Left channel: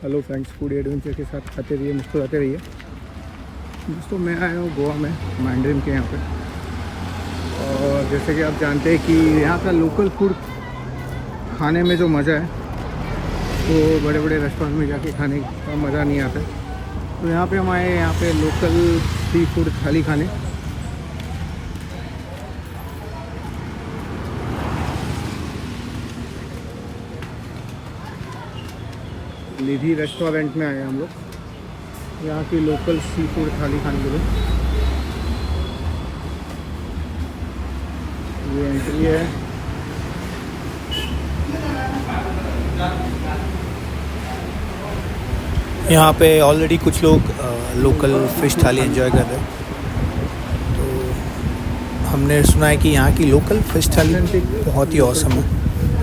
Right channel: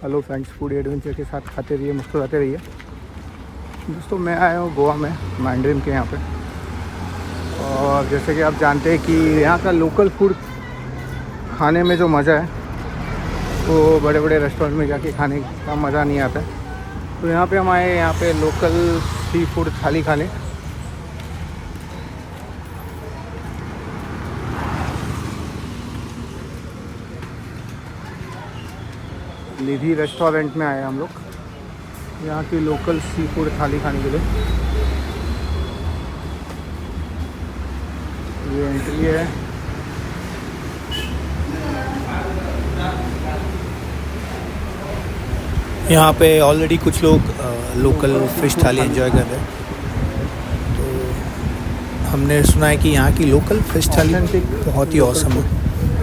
Hello friends, food adventure के साथ खाते रहिए, मुस्कुराते रहिए। दोस्तों, मैं आया हूँ गोवा में, मैंड्रिन के यहाँ पे। और जैसे कि आप जानते हैं कि यहाँ का लोकल फूड खाने में जो मज़ा है वो बड़े बड़े रेस्टोरेंट में जाके खाने का मज़ा नहीं आता है। तो यहाँ पे हम आए, यहाँ पे लोकल सी फूड थाली खाने। निधि रेस्टोरेंट में आए हम लोग, यहाँ की लोकल सी फूड थाली खाने के लिए। ये एंट्री है। यहाँ पे ऑलरेडी कुछ लोग लोकल फ़िश थाली एंजॉय कर रहे हैं। तो हमने सुना है कि यहाँ की लोकल फ़िश थाली बहुत ही औसम है।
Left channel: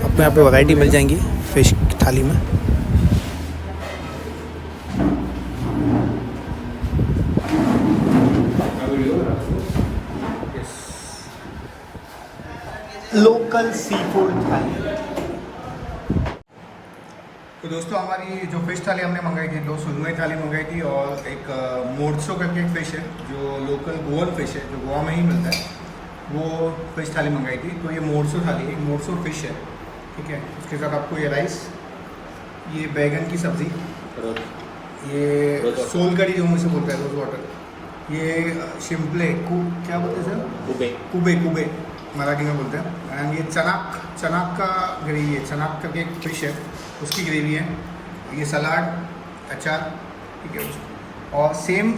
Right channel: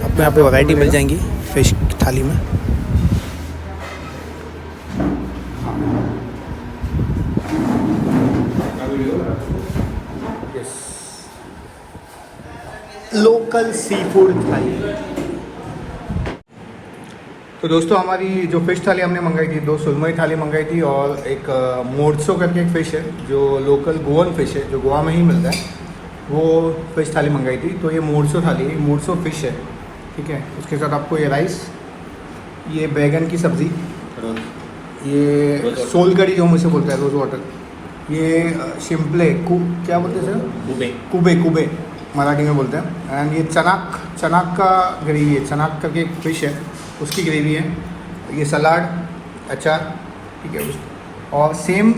आपको यहाँ पे वैरायटी मिल जाएंगी फ़िश थाली में। लोकल सी फूड थाली। तो दोस्तों, हमारी जो फ़िश थाली हमने मंगाई थी, 2 सुरमई थाली मंगाई थी और एक मोर्सो करके एक फ़िश है जो लोकल गोवन फ़िश है, जो गोवा में ही मिलता है, वो फ़िश थाली मंगाई थी। तो ये मोर्सो थाली है, मोर्सो फ़िश है, ठीक है। इसके साथ आपको ये राइस, ये बैगन की सब्ज़ी, ये सोलकड़ी जो मुझे बोलते हैं, रोज़ वाटर, ये शिम्पले क्या बोलते हैं, कुबे कुबे मराठी में बोलते हैं। एंड ये चनाक का ग्रेवी है, चनाक करके एक फ़िश है, उसकी ग्रेवी है। ये सलाद, अचार, ठीक है। और सेम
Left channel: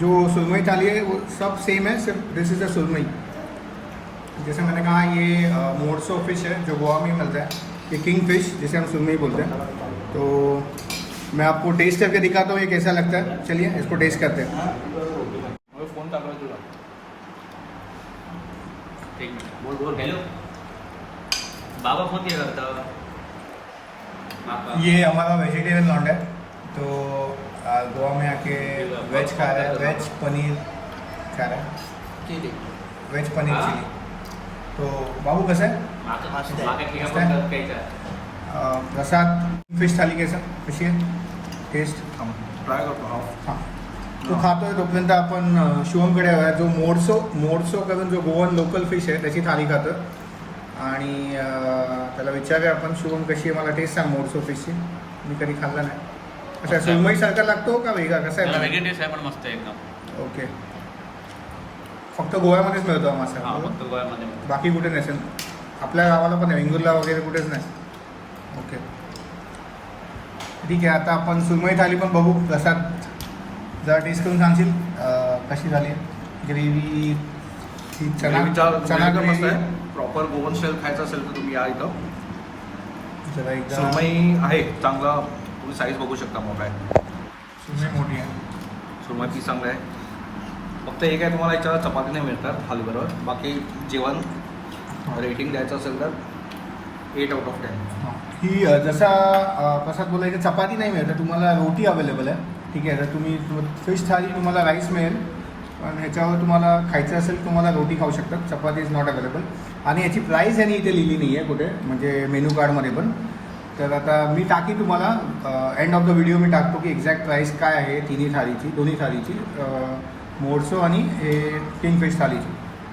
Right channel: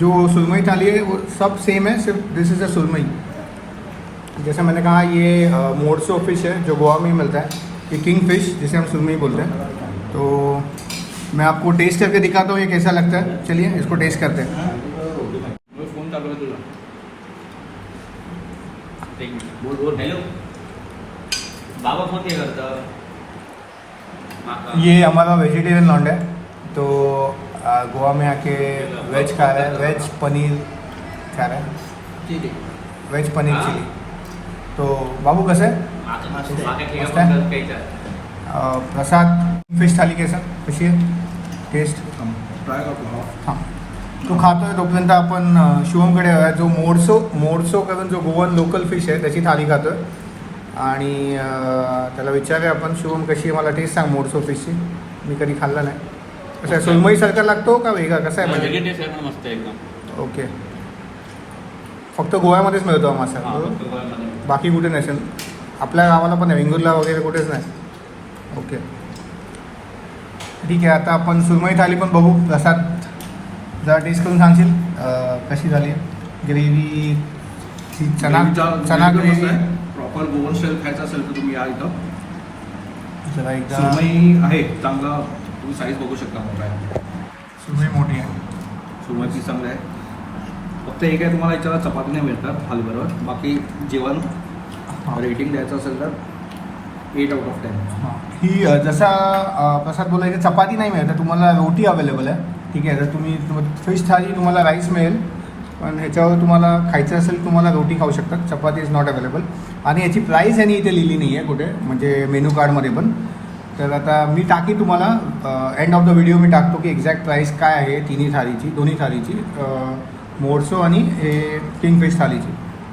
जो सुरमई थाली है वो सब सेम है, सिर्फ दिस इज़ अ सुरमई। जैसे मैंने कहा, ये मोर्सो फिश है जो गोवा में ही मिलता है, ये किंग फिश जिसे हम सुरमई बोलते हैं। तो मैं आपको टेस्ट करके दिखाता हूँ ये कैसा लगता है। चलिए इसको टेस्ट करते हैं। ये हमारा वेजिटेरियन लॉन्ड है, तो गोवा में आके वेज खा रहा है, वेज पनीर खा रहा है, वेज पनीर चिली। तो बाबू कैसे प्रसाद फिश थाली कैसा कशी आहे टेस्ट? ट्राय करतो हां, तो खातोय तोपर्यंत आपण शुभमकडे जो मोर्सो करून जो गोवन लोकल फिश आहे त्याची थाली खातोय आणि त्याला विचारूया आपण, शुभम कशी आहे, मला टेस्ट सांग मोर्सो फिशची, मी कधी खाल्ला नाही. कसं आहे, सुरमईसारखा लागतो का वेगळा कसा आहे? वेगळी टेस्ट आहे पण मस्त आहे एकदम. ओके. फक्त गोव्यामध्येच मिळतो हा मसाला, हां, फक्त गोव्यामध्ये. बाकी कुठे नसेल? आपल्या गावाला पण वेंगुर्ला वगैरे कुठेच नाही. ओके, ठीक आहे. आता आपण सुरमई थाली पण बघू. प्रसाद जरा टेस्ट करून सांगशील कशी झाली ग्रेव्ही? चना ग्रेव्ही प्रॉपर गोवन स्टाईल खायचं असेल तर तुम्ही या इथं. जरा एकदा. सुरमई आहे चांगला, तुम्ही साईज बघू शकता, मोठा आहे सुरमई, मोठी आहे सुरमई, पीस चांगलं आहे. फक्त एक आहे, तुम्हाला याच्यावर चपाती नाही मिळतात थालीबरोबर. बाकी जेवण रेटिंग द्यायचं असेल तर 8 आउट ऑफ 10. हां, ही जसा प्रसाद बोला की चपाती नाही मिळत, तुम्हाला रोटी अवेलेबल आहे, ठीक आहे. जर तुम्ही फिश थाली तुम्हाला राईस मिळेल, पण ह्याच्यावर तुम्हाला खायचं असेल तुम्हाला रोटी खाऊ शकतात, चपाती इज नॉट अवेलेबल. आणि याची प्राईस यांनी इथे लिहिली नाही आहे कुठे, म्हणजे मेनू कार्डमध्ये पण. तर आता मी टाकी तुम्हाला एंड ऑफ द व्हिडिओ मी टाकतो की एक्झॅक्ट प्राईस काय आहे दोन्ही थालीची, मोर्सो आणि किंगफिश थालीची,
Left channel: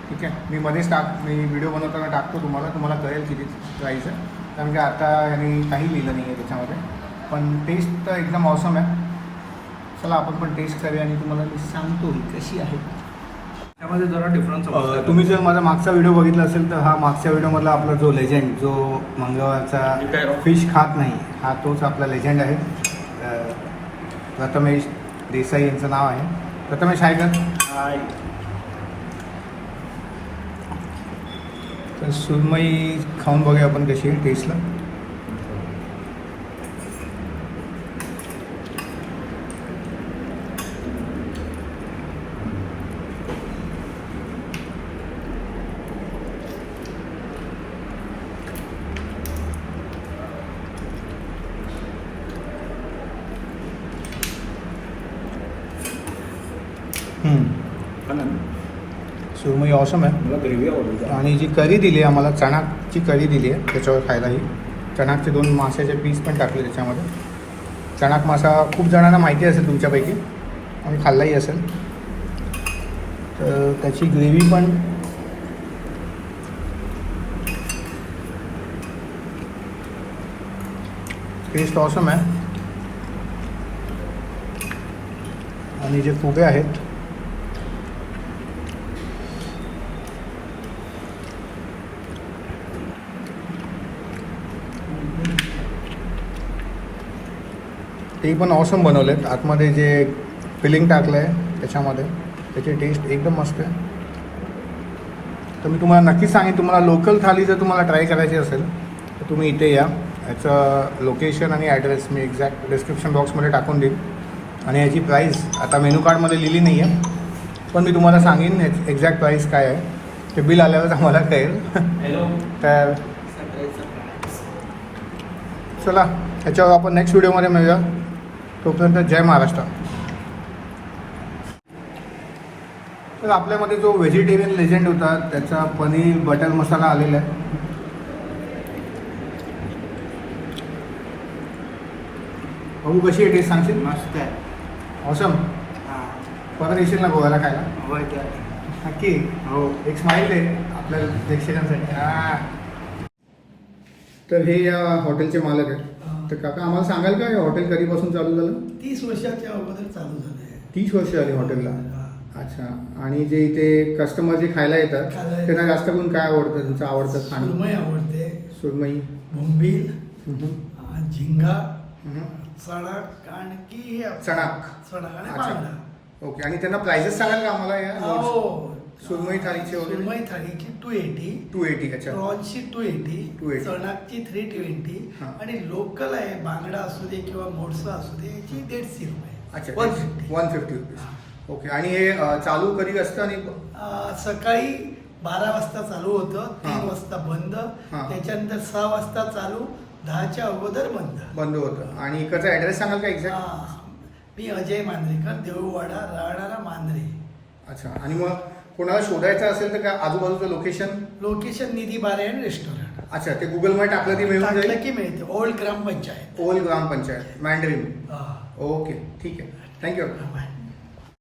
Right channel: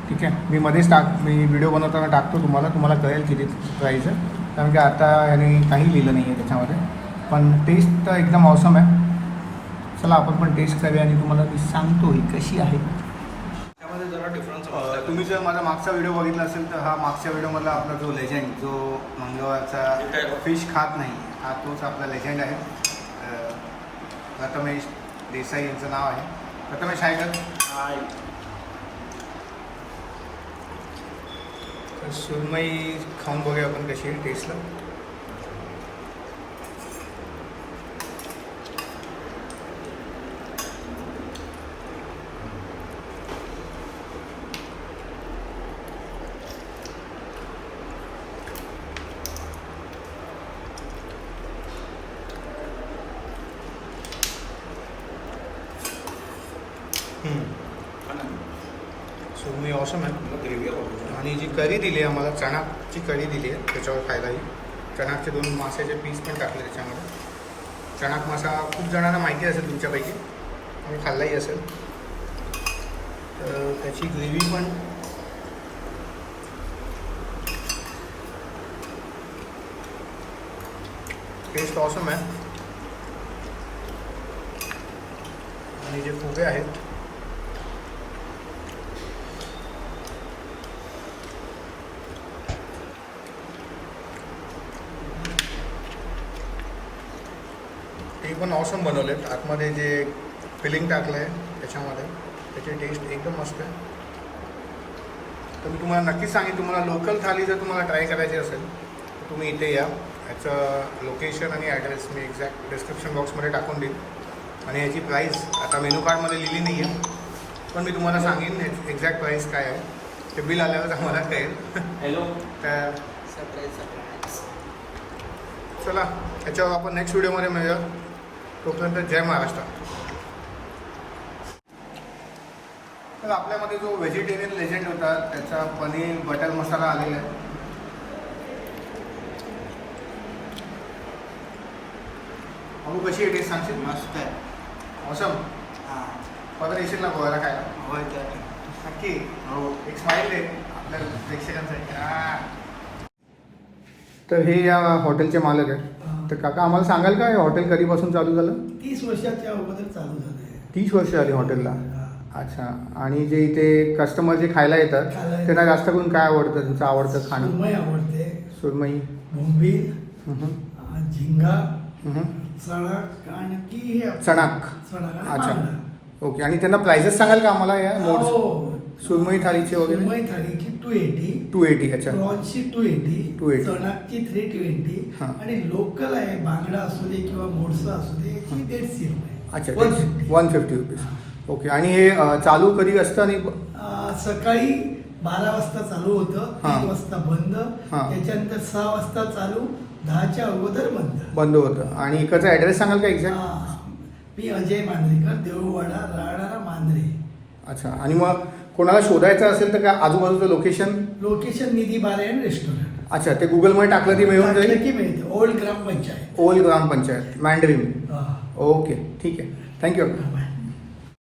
ठीक आहे. मी व्हिडिओ बनवताना टाकतो, तुम्हाला कळेल किती प्राईस आहे, कारण की आता याने काही लिहिलं नाही आहे त्याच्यामध्ये. पण टेस्ट तर एकदम ऑसम आहे. चला आपण पण टेस्ट करूया आणि तुम्हाला ती सांगतो ही कशी आहे. त्यामध्ये जरा डिफरन्स तुम्ही जर माझा मागचा व्हिडिओ बघितला असेल तर हा मागच्या व्हिडिओमधला आपला जो लेजंड, जो मंगळवारचा फिश खात नाही, हा तोच आपला लेजंड आहे. प्रथमेश देसाई यांचं नाव आहे. प्रथमेश आहे का? तर सुरमई खाऊन बघूया आपण कशी आहे टेस्टला. सुरमई ऑसम आहे. मला ग्रेव्ही आवडते. आणि जी करी दिली आहे आम्हाला, चणाची करी दिली आहे त्याच्यावर खायला, ही चणाचे 2 माशाचे पीस पण टाकले त्याच्यामध्ये. चणाक मसाला खूप जणांना माहिती असेल तुमच्यापैकी आणि खाल्लाही असेल. तर त्याची ग्रेव्ही पण टेस्ट ऑसम आहे. आणि जे फुगे आहेत ते पण ऑसम बनवले आहेत. आतमध्ये जे फिलिंग टाकलं आहे त्याच्यामध्ये त्याची टेस्ट एकदम मस्त आहे. तर मी तुम्हाला नक्कीच सांगेन, तुम्हाला लोकल थाली जर तुम्हाला ट्राय करायची असेल तर तुम्ही इथे या. याचं लोकेशन आणि ॲड्रेस मी एक्झॅक्ट डिस्क्रिप्शन बॉक्समध्ये टाकून देईन. आणि याची प्राईस आता मेनू कार्डमध्ये लिहिली नाही आहे, पण मी तुम्हाला सांगेन एक्झॅक्ट प्राईस काय आहे. ते बिल आल्यावर आम्हाला कळेल. तर चला ह्याच्यावर आपण नेक्स्ट व्हिडिओमध्ये मिळूया. तोपर्यंत जय महाराष्ट्र. तर आपल्यामध्ये जो व्हेजिटेरियन लेजंड होता त्याचा पनीर बटर मसाला आलेला आहे. बघू कशी आहे टेस्ट सांगशील? मस्त आहे. ऑसम. हां परत येशील ना गोव्याला खायला? होय नक्की. हो. एक स्माईल आहे आपल्या प्रेक्षकांसाठी. तर हे या हॉटेलचे मालक आहेत. तर काका आम्हाला सांगाल का हे हॉटेल कधीपासून चालू झालं? 30 वर्षाच्या अगोदर चालू झाले. 30 वर्ष झाली हॉटेलला. अच्छा. आणि जे इथे कस्टमर जे खायला येतात खायला येतात. त्यांना जास्त करून काय आवडतं, त्यांचं आवडतं खाणं? सुरमई आवडते, सुरमई. बोंबील, हम्म. झिंगा, हम्म. चणाक आणखी हे आपलं- चणाक. चणाक आणि अच्छा. बांगडा. ओके. आणि त्यांना प्राइसेस सांगाल का आम्हाला या नोट्स? हो. सुरमई थाळीचे वगैरे? सुरमई थाळीची 280, 280. अच्छा. प्रॉन्सची 280, 280. चणाकची 320 हां. आणि लोकल आहे बांगडा असू दे किंवा मोडसा असू दे याची 150 रुपये. अच्छा. 150. 150 रुपीज. ओके. आणि हे चालू कधी असतं आणि सकाळी 12 वाजता चालू होतं, हां. 3 वाजता बंद, हां. त्याच्यानंतर 6 वाजता चालू, 10च्या अगोदर बंद. बंद होतं? आणि इकडचा ॲड्रेस सांगाल का एक्झॅक्ट? हां. मी अजय मांद्रेकर, देऊळवाडा, राहणारा मांद्रे. अच्छा. आणि मग कोणाला शोधायचं असेल तर काय आजूबाजूचं लोकेशन निधी बारायण रेस्टॉरंट. अच्छा. ते गुगलमध्ये टाकलं ती मिळून टाकलं जाईल? की मिळते. ओल्ड ग्रामपंचायत. ओल्ड ग्रामपंचायत मँडरिन. हां. ओके. ठीक आहे. थँक्यू. बाय.